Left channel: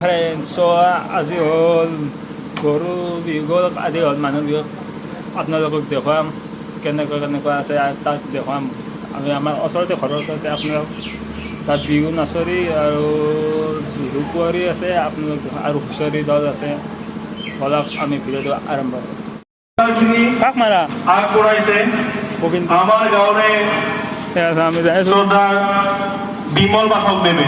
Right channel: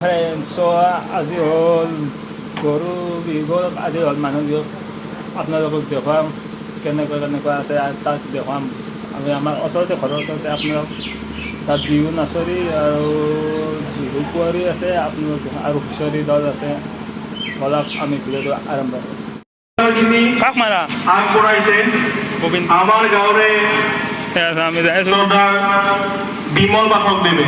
friends আজি হ'ল গৰু বিহু আজি হ'ল মানুহ বিহু আপোনালোকক দেখুৱাম কেনেকুৱা আছে তাত দেখুৱাম আমি আমাৰ ওচৰতে ঘৰৰ ওচৰতে আপোনালোক তাত বিহু নাচৰি আৰু বিহু কুঁৱৰী আছে আপোনালোক আৰু হুঁচৰি দল আছে বলক আমি ভিডিঅ'টো আৰম্ভ কৰোঁ কাক মাৰা আগবঢ়াইছে গোবিন্দ আমাৰ গাঁৱৰে আমি যাই আছোঁ বিমল বাসকদেৱে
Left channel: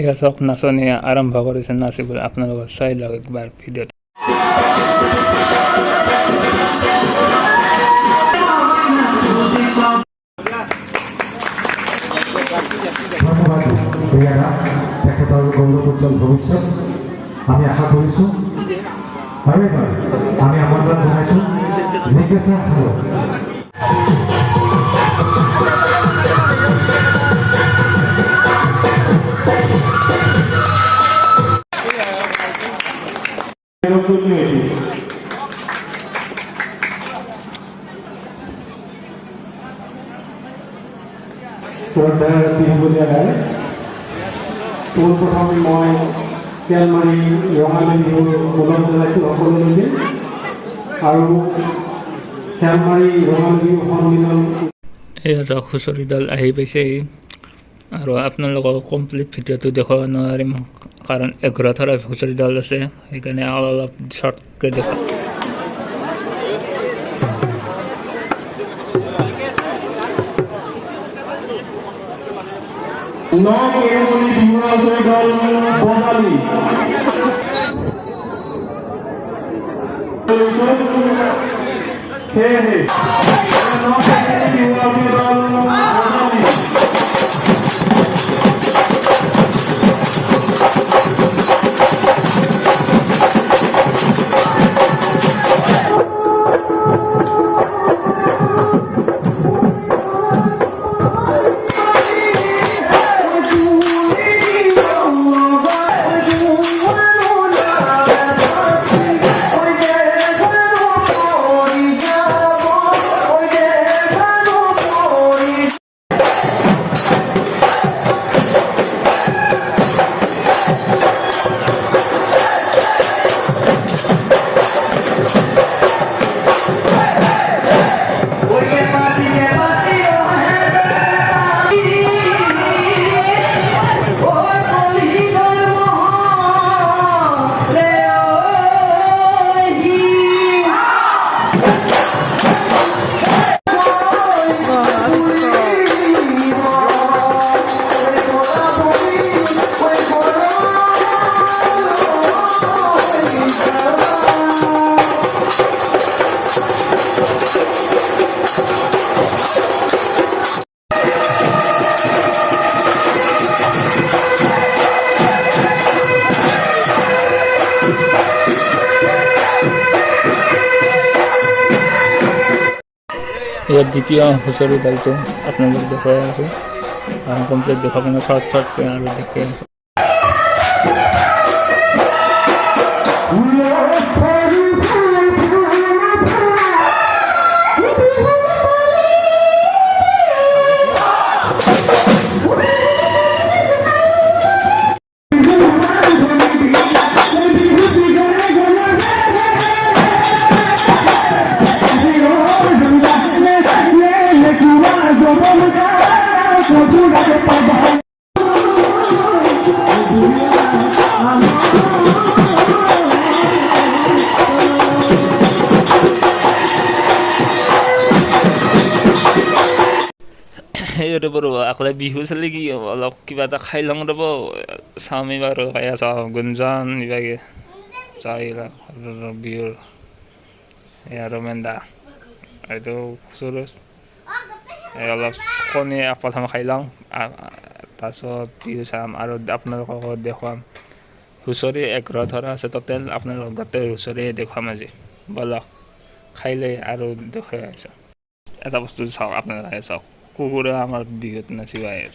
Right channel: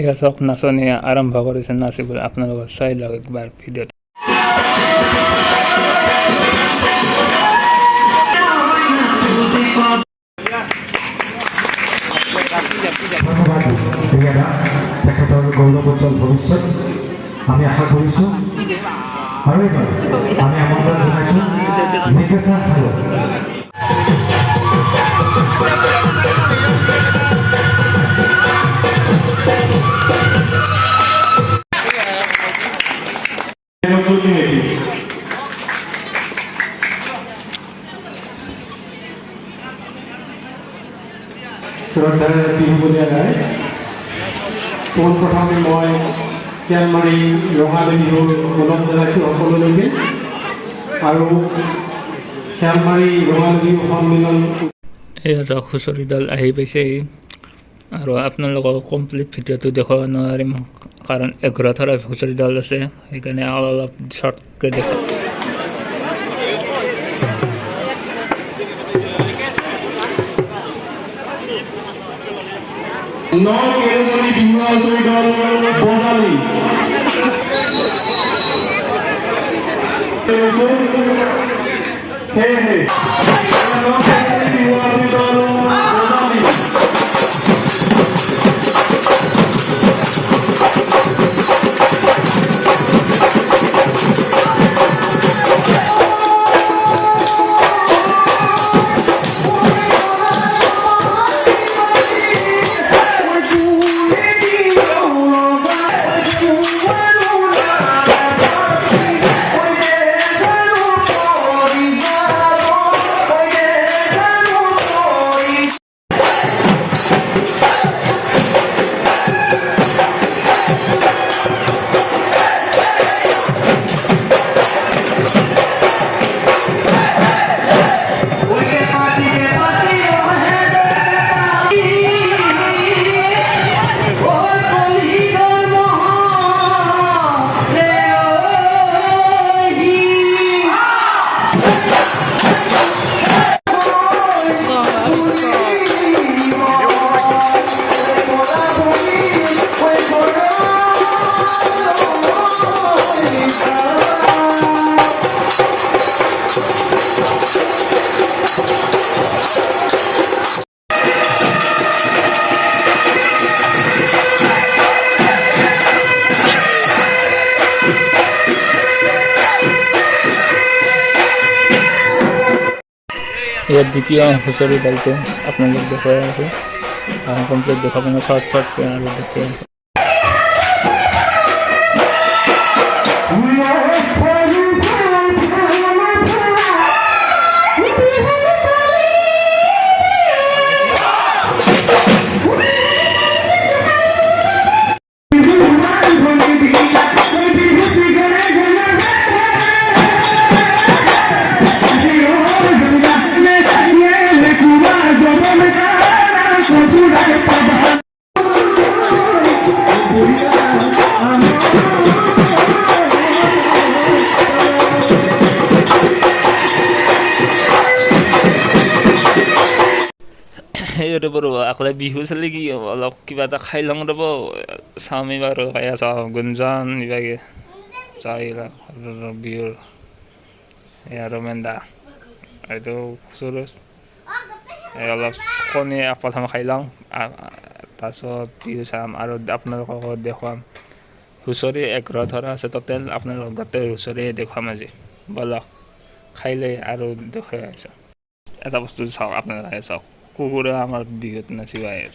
এয়া চাওক নাচনি আৰম্ভ কৰিছে নাচিবলৈ আপোনালোকে চাই লওক একবাৰ ভিডিঅ'টো তেখেতৰ গৌৰৱোজ্জ্বল ভৱিষ্যত আমি আশা কৰিছোঁ আৰু আমি আমন্ত্ৰণ জনাইছোঁ জিজ্ঞাসা পোনপ্ৰথমে মই শিয়ালমাৰী ৰঙালী বিহুৰ ওলগ জনাইছোঁ সকলোলৈকে আৰু শিয়ালমাৰী ৰঙালী বিহু সন্মিলন এয়া চাওক হুঁচৰি দল আহি পাইছেহি আৰু আপোনালোকক কমপ্লিট ভিডিঅ'টো দেখুৱাব নোৱাৰিম কাৰণ 11টা হুঁচৰি দল আছে সেইকাৰণে অলপ শ্বৰ্টকৈ দেখাম কেৰুমণি বিমল দল বঙালী সেয়েহে ইয়াত দ্বিতীয় হুঁচৰি দলটো আপোনালোক দেখুৱাই আছোঁ আৰু কমপ্লিট দেখুৱাব শ্বৰ্টকৈ আৰু দেখুৱাই আছোঁ সেই ৰ'ব আকলে বিহু চলি কি হ'ব অলপ কিবা এটা খাই লওঁ ৰ'ব চাওমি বাৰু খাই চাওঁ গুঞ্জন ইভাগে চাইলা বিহুৰ এয়া ৰমেন দা এইটো সুৰজ এই অলপ কণী প্ৰথমে খাই লওঁ তাৰপিছত বিহু চাম আৰু আপোনালোকক দেখুৱাম হুঁচৰি 11টা আছে টোটেল আপোনালোকক গোটেই হুঁচৰি দেখুৱাম আজি বলক খাই লৈ আৰু দেখুৱাই আছোঁ এটা বস্তু চাওক আপোনালোকে চাওক কুকুৰে আমাৰ বিহুত নাচিব আহে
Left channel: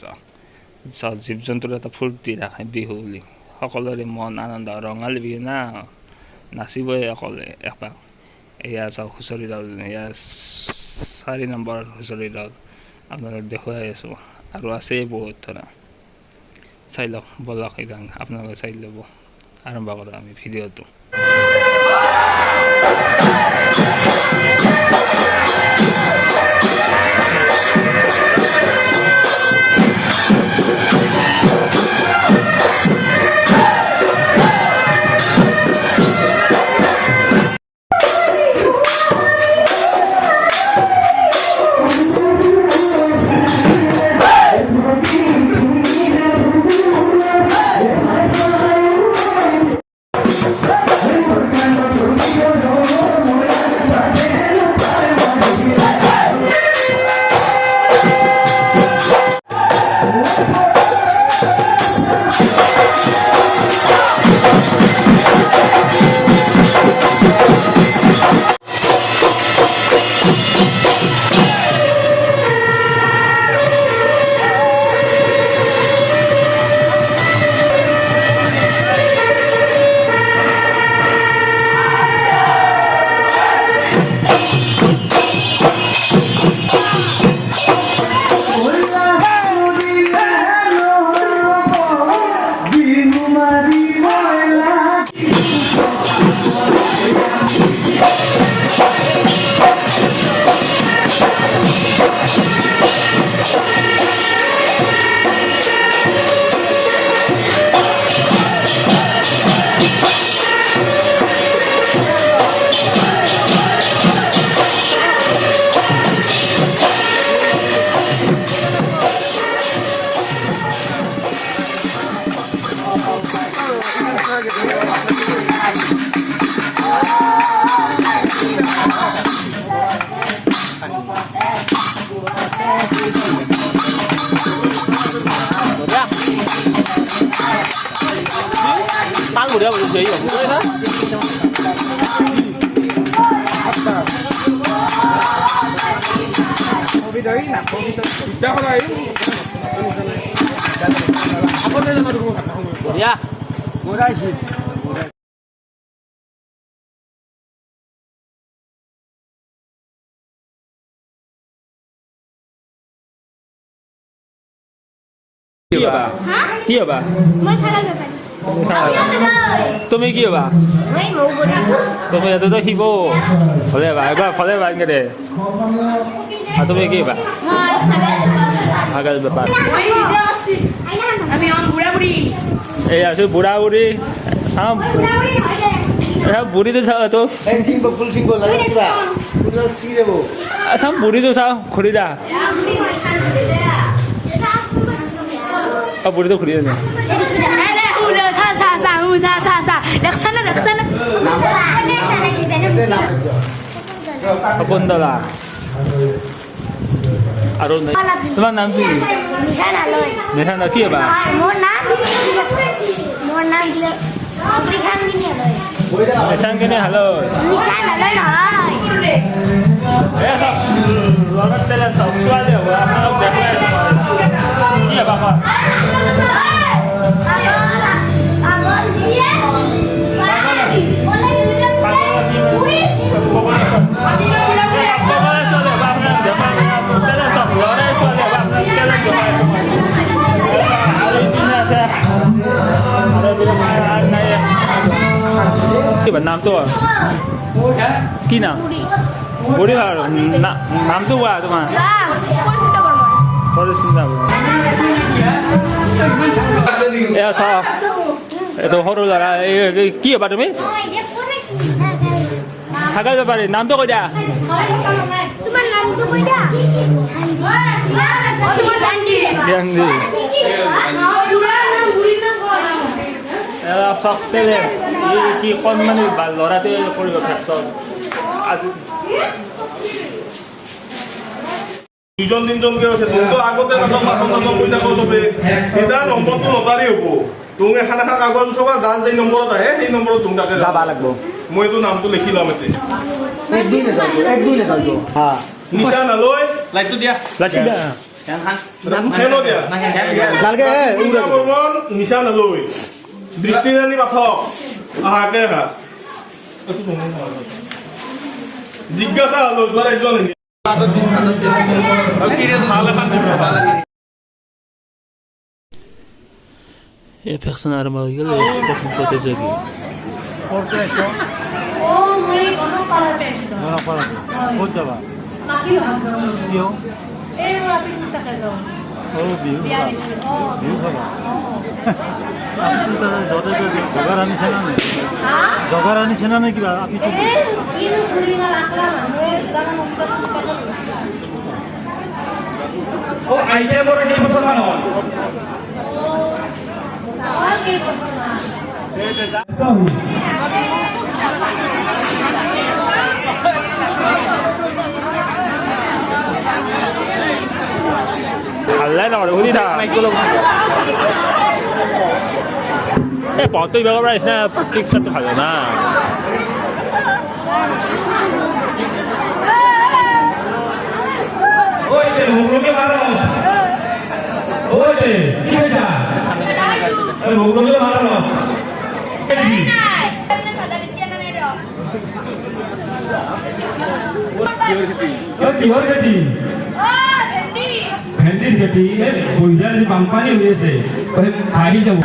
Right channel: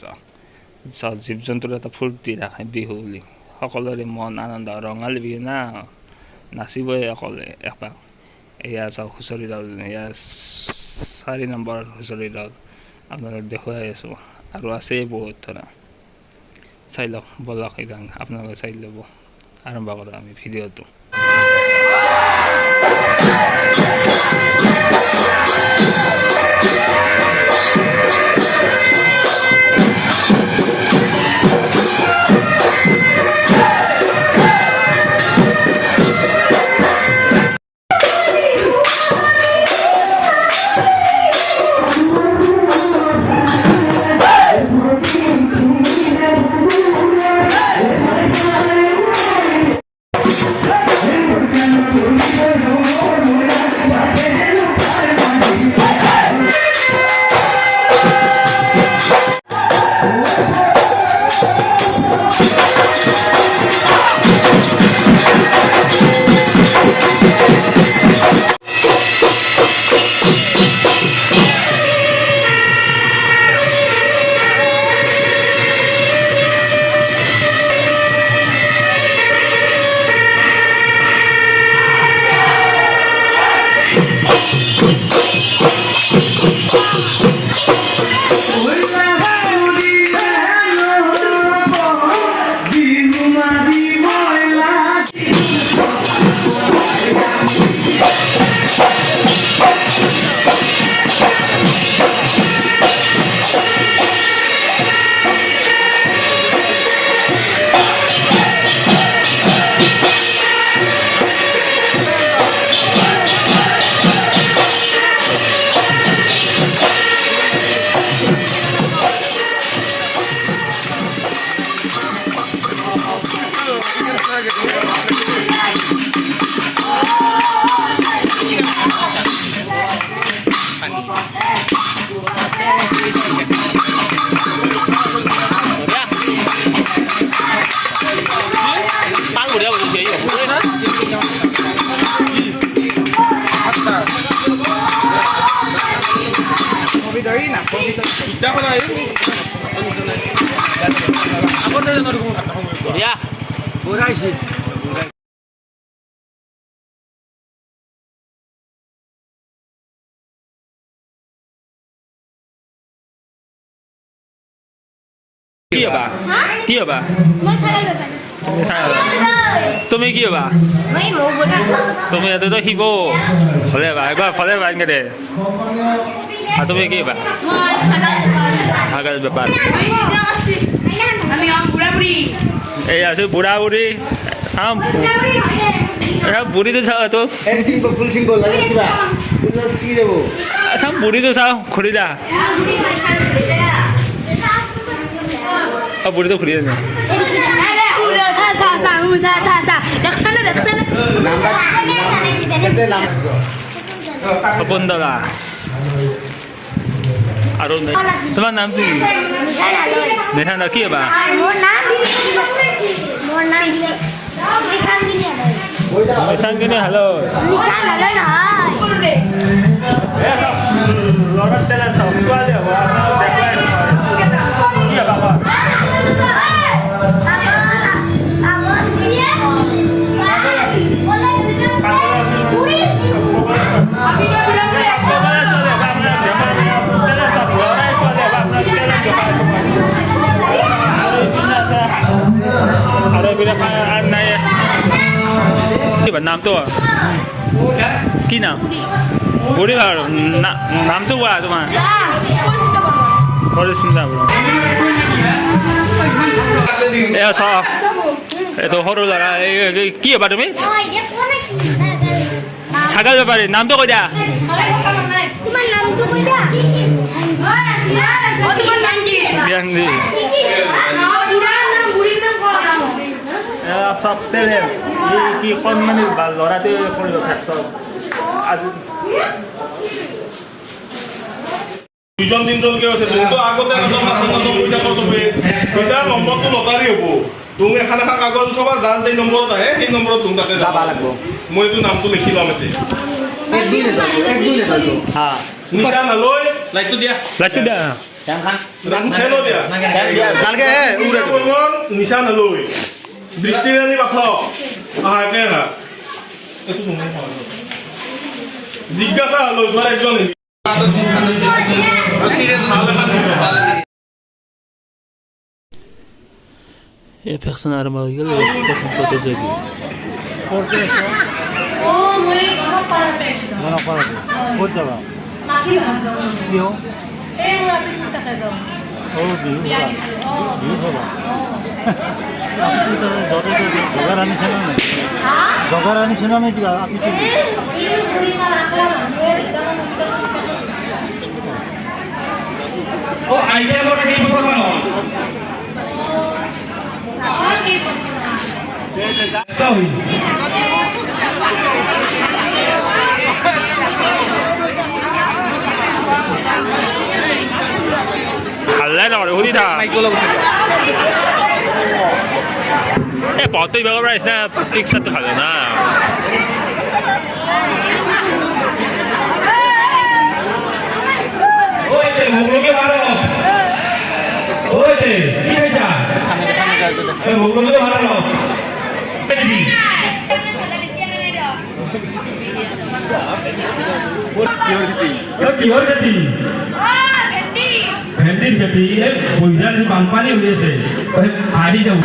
চাওক জীৱ জন্তুৰ এটা ফূৰ্তি ৰাখে বিহু বুলি সকলোৰে মন আনন্দ ৰঙালী বিহু না নাচিবই অকলে এপাক এয়া চাওক হুঁচৰি দল এয়া 4 নম্বৰ হুঁচৰি দল আপোনালোকক দেখুৱাই আছোঁ আৰু আছেই বহুত ধৰা চাই লওক বলক এইখন আপোনালোকে চাই ল'ব আৰম্ভ কৰোঁ আমি ভিডিঅ'টো কি হবা কি হবা মই ছাগল বেপাৰী তুমি ছাগল তুমি কি হবা মই মৌ বুঢ়ী তুমি এততো শিব হলে বা এবার ফলে বাইকে দে আর তুমি কি হবা মই ছাগল বেপাৰী ছাগল ব্যাপার আমি বুঢ়া বুঢ়ী এই আছে বুঢ়া বুঢ়ী চাম বুঢ়ীটো চাওঁ তো চাম বুঢ়ীটো চাওঁ খুৰীদা বুঢ়ীটো খুৰী না সপোনদলা আৰু তোমাৰ নামটো কি নিশানা কি হবা মোৰ নাম নিশান কেনে হেল্ল' লগত তেলে চাওক ছোৱালী হ'ব আপোনালোক দেখুৱাই কি হবা কোৱা নামটো কি নাম বুঢ়ী ভাৰ নামটো কোৱা তোমাৰ পৰিস্মিতা বৰা এয়া চাওক এইটো সৰু ল'ৰা কি হ'বা তুমি ছাগল বেপাৰী নামটো কৈ দিয়া জ্ঞানদী এয়া চক টেলেণ্ট কি কণমানি ল'ৰাটোৱে কৰিব ক্ষেত্ৰত আজি দুজন তিনজনকে আছে তোমতো আগতে মাথা কৰি থাকো চবে এতিয়া নম্বৰটো লটাৰী হ'ব তুমি এখন এখন কাগজ উঠাবা যাৰ যেই নম্বৰত আহে সেই নম্বৰত তুমি তাতে যাব লাগিব মই এইটো নামটো লিখি ল'ম নিশা নালৈ লাইটটো দিয়া নিশা নালৈ দৃষ্টিৰাণী পাঠক আহা একে আহা জিজ্ঞাসা হলো তোমাৰ একজন এই ভেকচিন আৰম্ভ হৈ গ'ল প্ৰথম প্ৰতিযোগী জগাৰ আনিছেনে নে কিবা ভালে নকৰে সুধি থাক এই পথটো ইবাৰ পৰা আহিছে না পিকচাৰটো ভাল না কিহৰ খেতি ভেন্দিৰ খেতি বহিদাৰ বানপানী হৈ আছে আহি যাব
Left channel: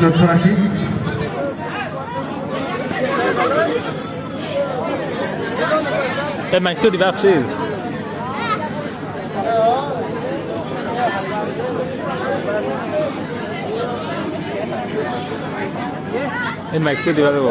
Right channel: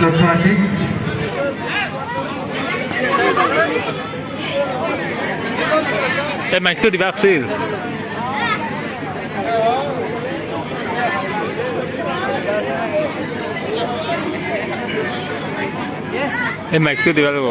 লক্ষ্য ৰাখি এই মাইকটো দিবা আছিল এই মাইকটো দিবা লাগিব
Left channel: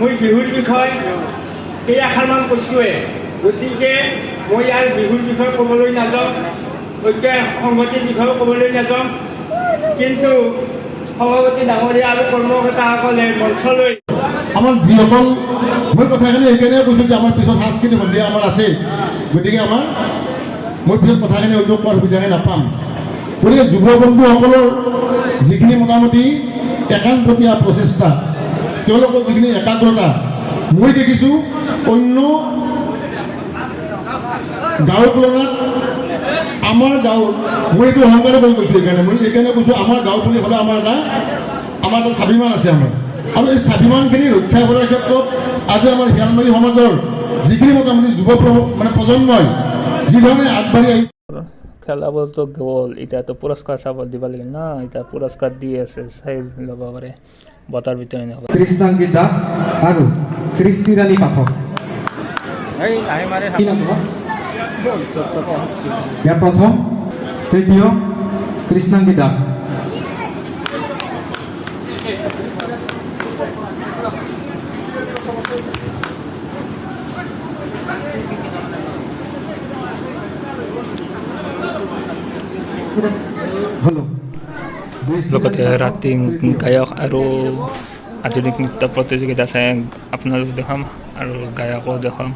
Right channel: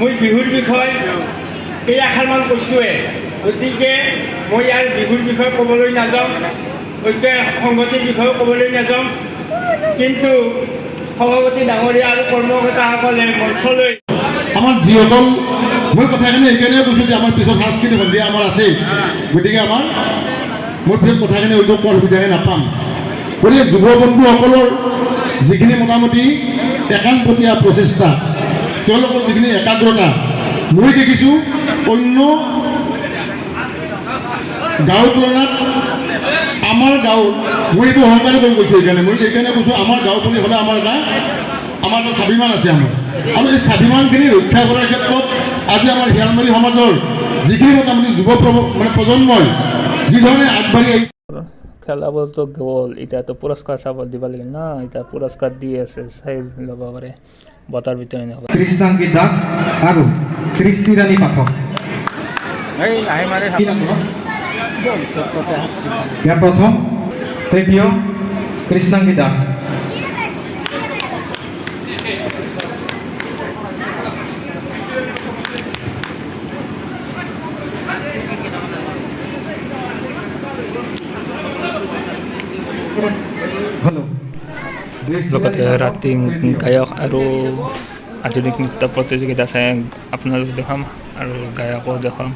মই বিহুৰ বিষয়ে কেইআষাৰমান কৈছোঁৱে গতিকে মই ইয়াৰ বিহুৰ বিষয়ে ক'বলৈ নাযাওঁ ঐক্য সংগতিৰ বিষয়ে ক'বলৈ নাযাওঁ কিন্তু সভাপতি ডাঙৰীয়া আৰু কৰ্মকৰ্তাসকলে মঞ্চলৈ আমাৰ যিসকল মই কথাখিনি সেইকাৰণে কৈছোঁ যে আমাৰ পিছত সাংস্কৃতিক সন্ধিয়া আমাৰ আছে গতিকে মই পিছত কথাখিনি উল্লেখ কৰাৰ সুবিধাহে নাপাম গতিকে যুৱ বন্ধুসকলৰ যিখিনি মোটামুটি একাংপতীয়া প্ৰচেষ্টা তেওঁলোকৰ যিখিনি একাগ্ৰতা মই দেখিছোঁ অন্য গাঁৱৰ তুলনাত আমাৰ গাঁও মই এইটো অহংকাৰ কৰি কৈছোঁ এইকাৰণে কৈছোঁ আমাৰ গাঁও বুলি হ'লে আমাৰ এটা স্বাভিমান আছে আমাৰ আৰু এই স্বাভিমানখিনি ৰক্ষা কৰাৰ ক্ষেত্ৰত আজি আমাৰ শিয়ালমাৰী সমাজৰ যিখিনি মোটামুটি যুৱ প্ৰজন্মই যিধৰণে আগবাঢ়ি আহিছে খেলাবলতো গ'ল এতিয়াতো পুৰস্কাৰ চাব দিব লাগিল না এতিয়া পুৰস্কাৰ দি আছে চাই ল'ব পাৰে বঁটাৰ ভিতৰত নহ'ব কৃষ্ণাংগী দাস আৰু কৃষ্ণিৰাণী পাঠক ইয়াৰ প্ৰথম তৃতীয় কৃষ্ণাংগী দাস লগতে ৰাতি গায়ক আৰু আধুনিক নৃত্য প্ৰতিযোগিতা চাই আপোনালোক দেখাম আৰু গায়কো দেখাম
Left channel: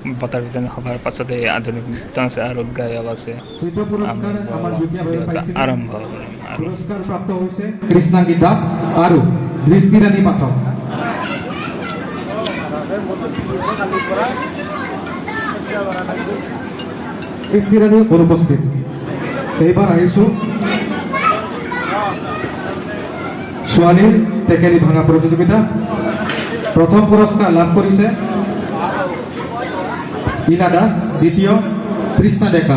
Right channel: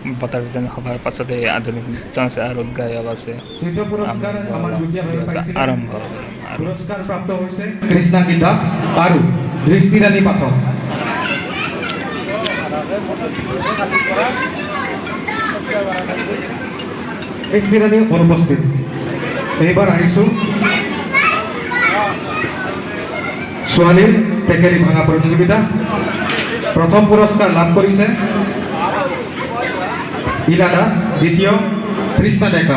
বঁটাৰ বিতৰণ সভাৰ পাছতে আধুনিক নৃত্য আছে আৰু গায়ক আছে তৃতীয় আমি পুৰস্কাৰ আমাৰ দুখীয়া ভিডিঅ'টো আৰম্ভ কৰিম আৰু পুৰস্কাৰ প্ৰাপ্ত হৈছে কৃষ্ণা গীতা আৰু দৃষ্টিৰাণী পাঠক দৃষ্টিৰাণী অনুপস্থিত এইবাৰ আহিছোঁ ছোৱালীৰ টেকেলি ভাঙা প্ৰতিযোগিতা প্ৰথম পুৰস্কাৰ লাভ কৰিছে ইলা দাস দ্বিতীয় তৃষ্ণা ডেকা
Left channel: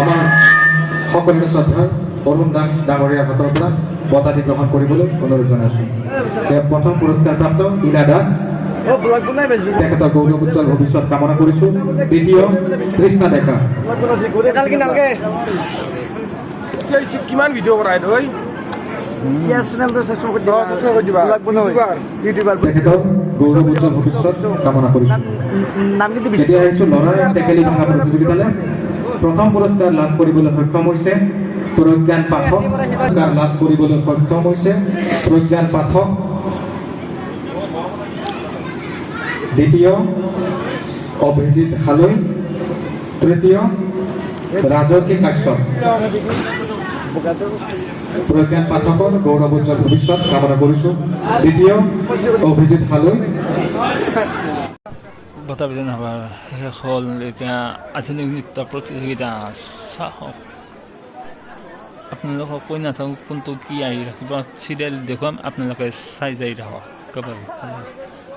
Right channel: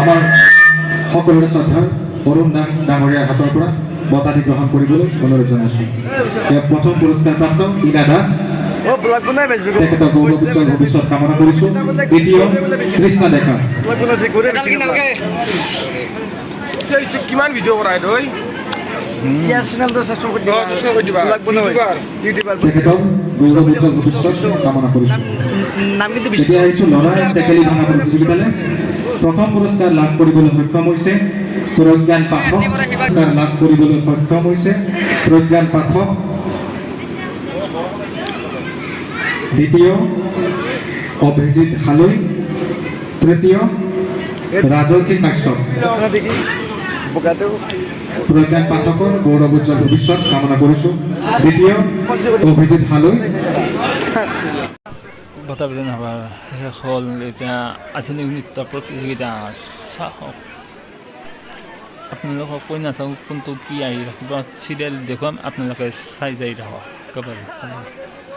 আমাৰ সকলোৰে শ্ৰদ্ধাৰ অৰুণ নাম ডাঙৰীয়াৰ হাতৰ পৰা বঁটাটি গ্ৰহণ কৰিবলৈ অনুৰোধ জনাইছোঁ ইয়াৰ প্ৰথম পুৰস্কাৰ প্ৰাপ্ত ইলা দাস তেখেতৰ গৌৰৱ উজ্জ্বল ভৱিষ্যত কামনা কৰিছোঁ দ্বিতীয় কৃষ্ণা ডেকা কিমান ভিডিঅ' কৰা তই তেখেতৰ গৌৰৱ উজ্জ্বল ভৱিষ্যত কামনা কৰিছোঁ এতিয়া আহিছোঁ ল'ৰাৰ টেকেলি ভাঙা প্ৰতিযোগিতালৈ প্ৰথম পুৰস্কাৰ লাভ কৰিবলৈ সক্ষম হৈছে প্ৰজ্ঞান পাঠক পুৰস্কাৰ লাভ কৰিবলৈ সক্ষম হৈছে প্ৰজ্ঞান পাঠক দ্বিতীয় অভিজিৎ হালৈ তৃতীয় ৰাজকী কাশ্যপ প্ৰজ্ঞান পাঠকৰ গৌৰৱ উজ্জ্বল ভৱিষ্যত কামনা কৰিছোঁ দ্বিতীয় অভিজিৎ হালৈ বঁটা বিতৰণ সভাৰ শেষ হ'ল এতিয়া আধুনিক নৃত্য প্ৰতিযোগিতা চাওক আপোনালোকক কৈ নাথাকোঁ কোনটো কি আহি ৰাখিব চিৰিয়েল দেখুৱাম আপোনালোকে চাই যাই থাকক একেবাৰে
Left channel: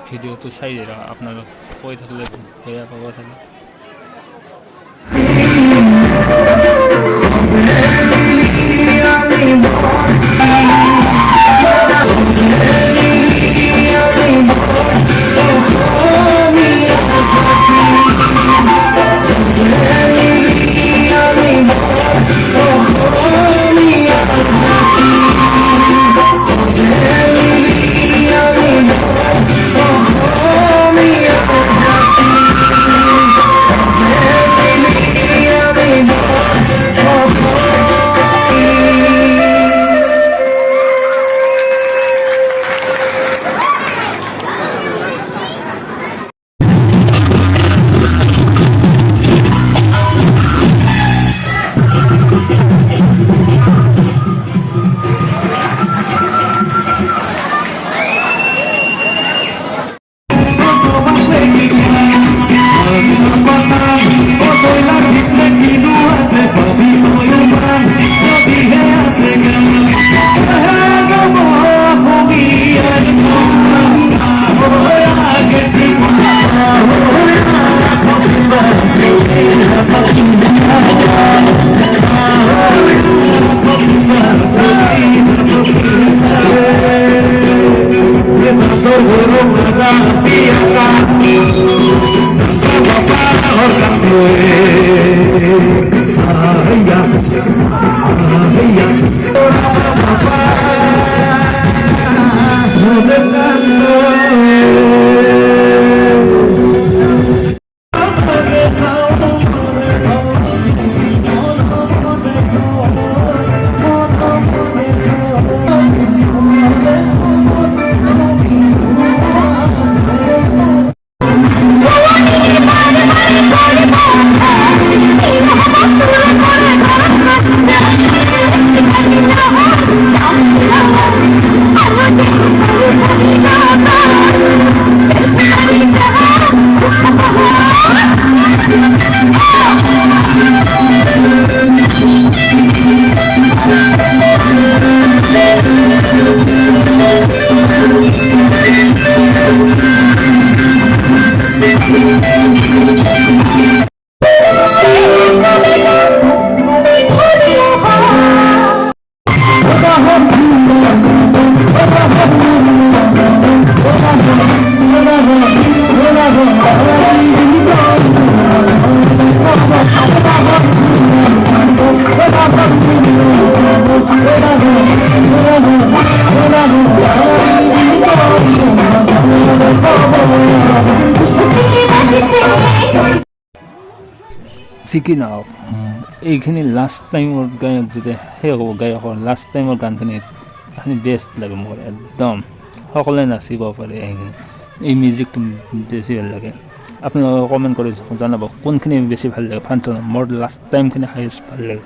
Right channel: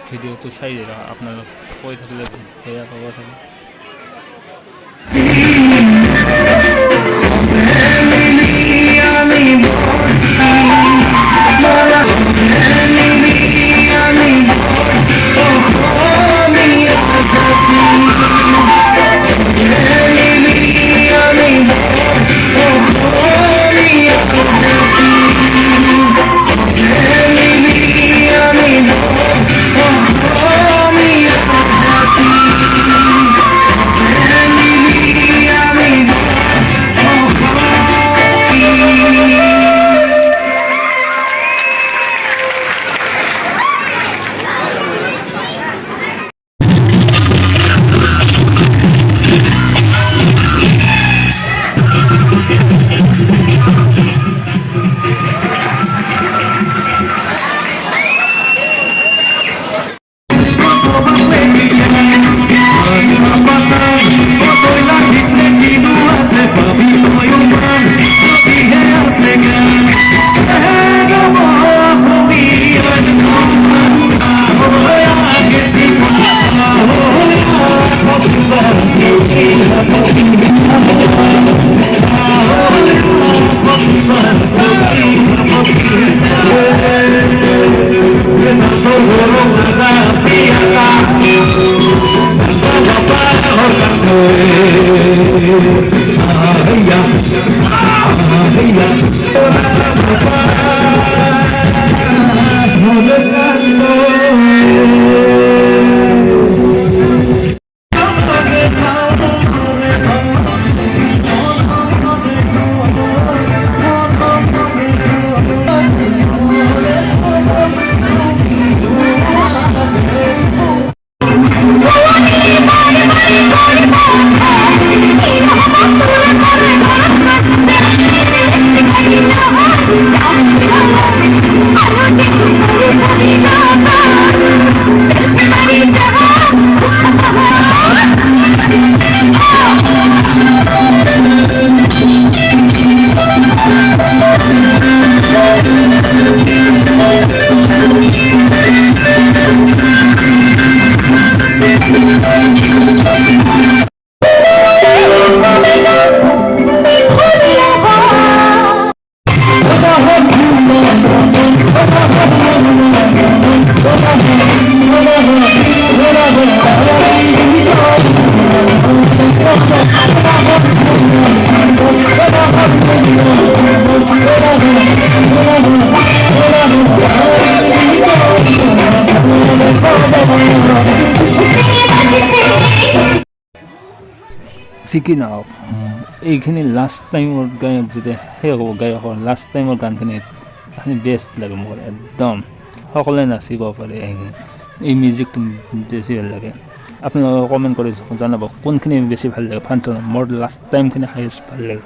ভিডিঅ'টো চাই যাই থাকক আপোনালোক কৈ থাকিলে বেয়া পাব চাগে Oh, যি কি নহওক এইখিনি লাষ্ট টাইমৰ গায়ক যেতিয়া সেই হ'ব গায়কৰ লাষ্ট টাইমৰ গানখিনি সেইখিনি বেষ্ট লাগে মোৰ একদম সকলোৱে নাচিব পাৰে এইখিনি এই মিউজিকটো বেছি ভাল লাগে আপোনালোকে কমেণ্ট কৰি জনাব কোনখিনি বেছি ভাল লাগে ফাংচনত মোৰ লাষ্ট টাইমখিনি হাইষ্ট ভাল লাগে